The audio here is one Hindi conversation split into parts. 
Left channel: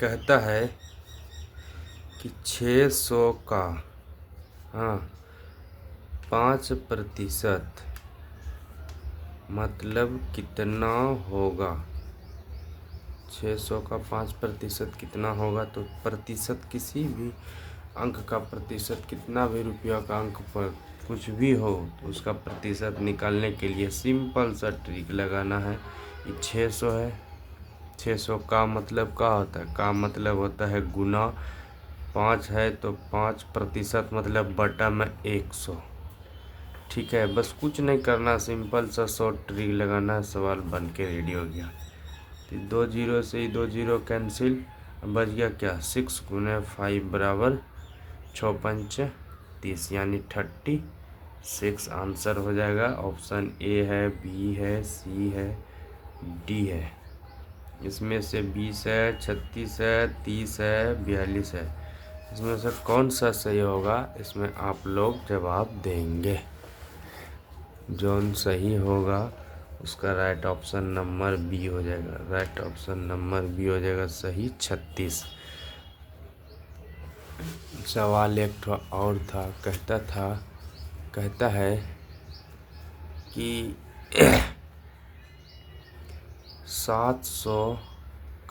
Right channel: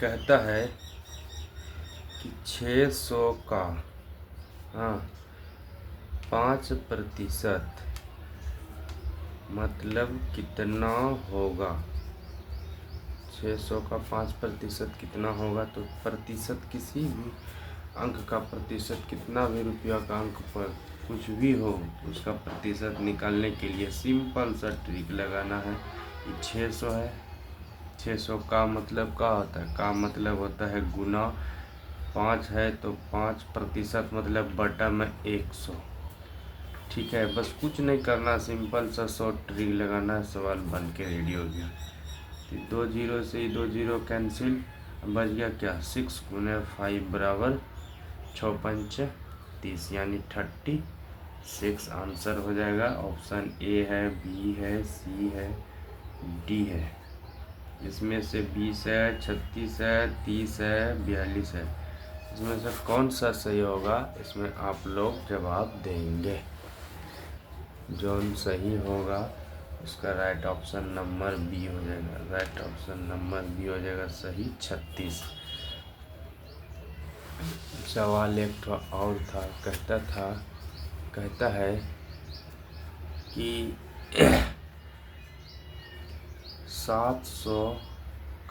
कहता है कि 600 का 5% मतलब कितना होगा। 600 का 5% कितना होगा। तो प्रतिशत किसी भी अंक का प्रतिशत, कितना भी रुपया का अंक पर कुछ भी हो तो उसका प्रतिशत निकालने के लिए सिंपल सा ट्रिक लगाना है। ये 600 है। 600 का मतलब क्या होता है। का मतलब होता है गुना। 5 है तो 5% मतलब बटा में 100। ठीक है, बस कुछ नहीं करना, सिंपल सा शॉर्ट ट्रिक लगाना है, सवाल बन के रेडी हो गया। तो 2 जीरो से ही 2 जीरो कैंसिल, बच गया क्या 6 गुने 5 बराबर 6 पंच 30 यानी 36 आंसर हो जाएगा। ऑप्शन ए है, बी है, सी है, डी है। इसमें से 20 है, 36 है, 30 है, 42 है। इसमें से कौन सा सही होगा, इसमें आप लोग जवाब देंगे। जो सही होगा उसका राइट ऑप्शन नंबर बी हो जाएगा। राइट ऑप्शन नंबर बी हो जाएगा सही 36। सवाल एक और था, कहता है कि 700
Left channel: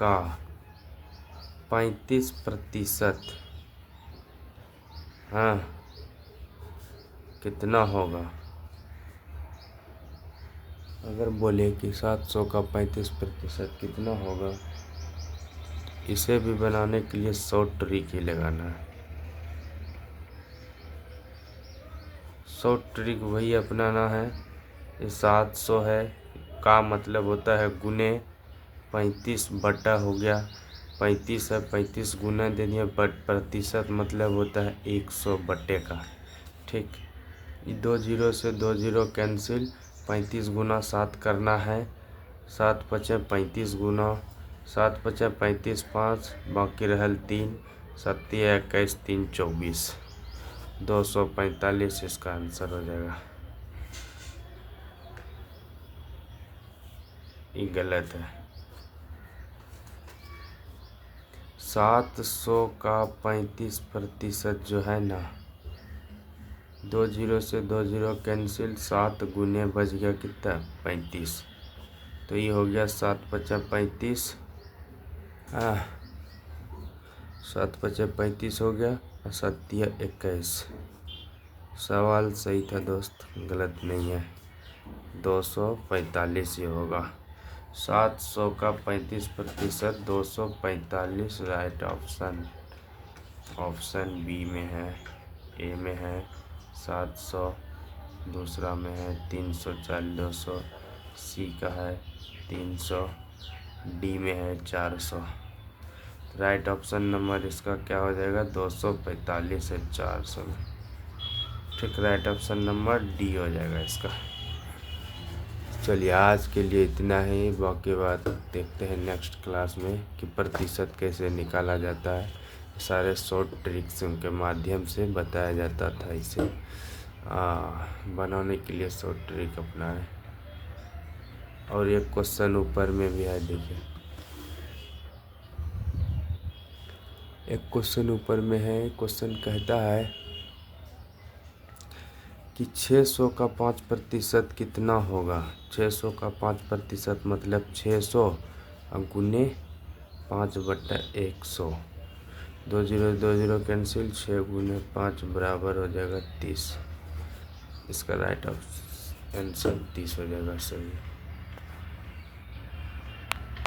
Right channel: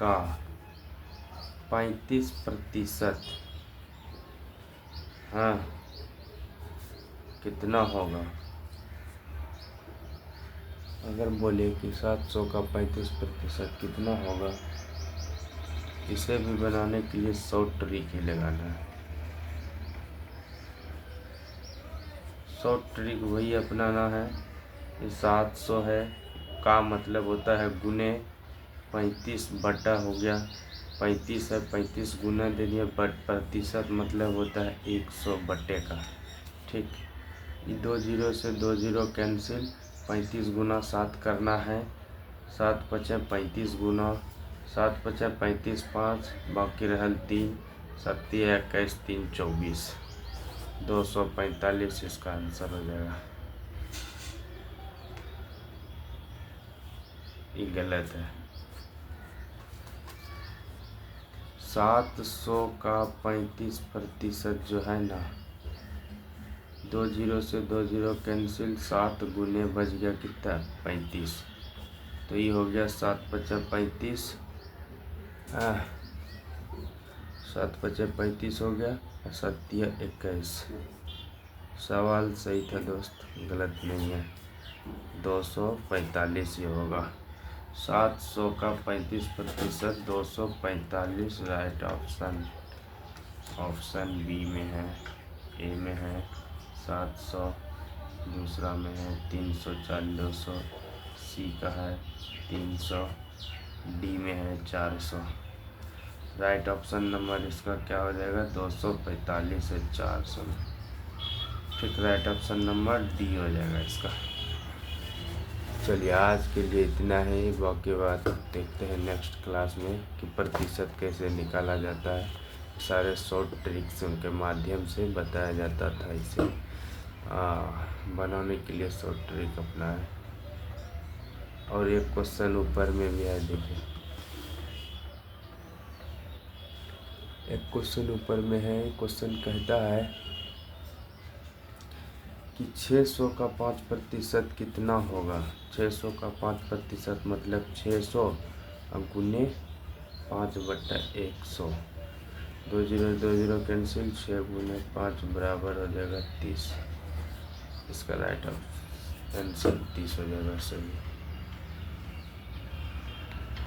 का 35% कितना होगा। अगर बोले कि 700 का 35% कितना होगा, इसे भी बनाने के लिए शॉर्ट ट्रिक ही लगाना है। शॉर्ट ट्रिक वही अपनाना है। ये 700 है, का मतलब होता है गुने 35 बटा हो गया 35 है, 35 गुना दे दिया, प्रतिशत मतलब होता है 100 बटे का। ठीक, ये 2 जीरो से 2 जीरो कैंसिल, 35 गुना 7 करना है, 7 पचे 35 गुना 7 पचे 35 5 बाकी रहल 3 7 21 3 24 245 इसका आंसर हो जाएगा। ये गलत है। 700 का 35% जो है ना, 2 जीरो से 2 जीरो कैंसिल, 7 गुने बच गया कितना 35। तो ये हो गया 7 पचा 35 7 पचा 35 हो गया और 7 21। सवाल सही था दोस्त, गलत नहीं है। 245 ही होगा। 700 का 35% 245 राइट ऑप्शन। ऑप्शन बी में है, ए में है 700, दूसरा में है 340 200, सी का है 300, डी में है 400। राइट ऑप्शन नंबर इसका क्या हो जाएगा 245 है 400 में। ठीक, राइट ऑप्शन नंबर डी हो जाएगा इसका। चलिए आज के लिए इतना ही, बाकी बात देखते हैं नेक्स्ट क्लास में कि प्रतिशत कैसे निकाला जाता है। सारे शॉर्ट ट्रिक्स के माध्यम से बताया जाता था। इसे बनाने के लिए शॉर्ट ट्रिक अपनाएं। और एक क्वेश्चन ऊपर में भी है, देखिए एक क्वेश्चन ऊपर में है। क्वेश्चन कहता है कि 600 का 5% कितना होगा। 600 का 5% मतलब 600 और गुने 5 बटा 100। 2 जीरो 2 जीरो कैंसिल, 6 गुने 5 बराबर हो जाएगा 30। इसका राइट आंसर 30 हो जाएगा सही।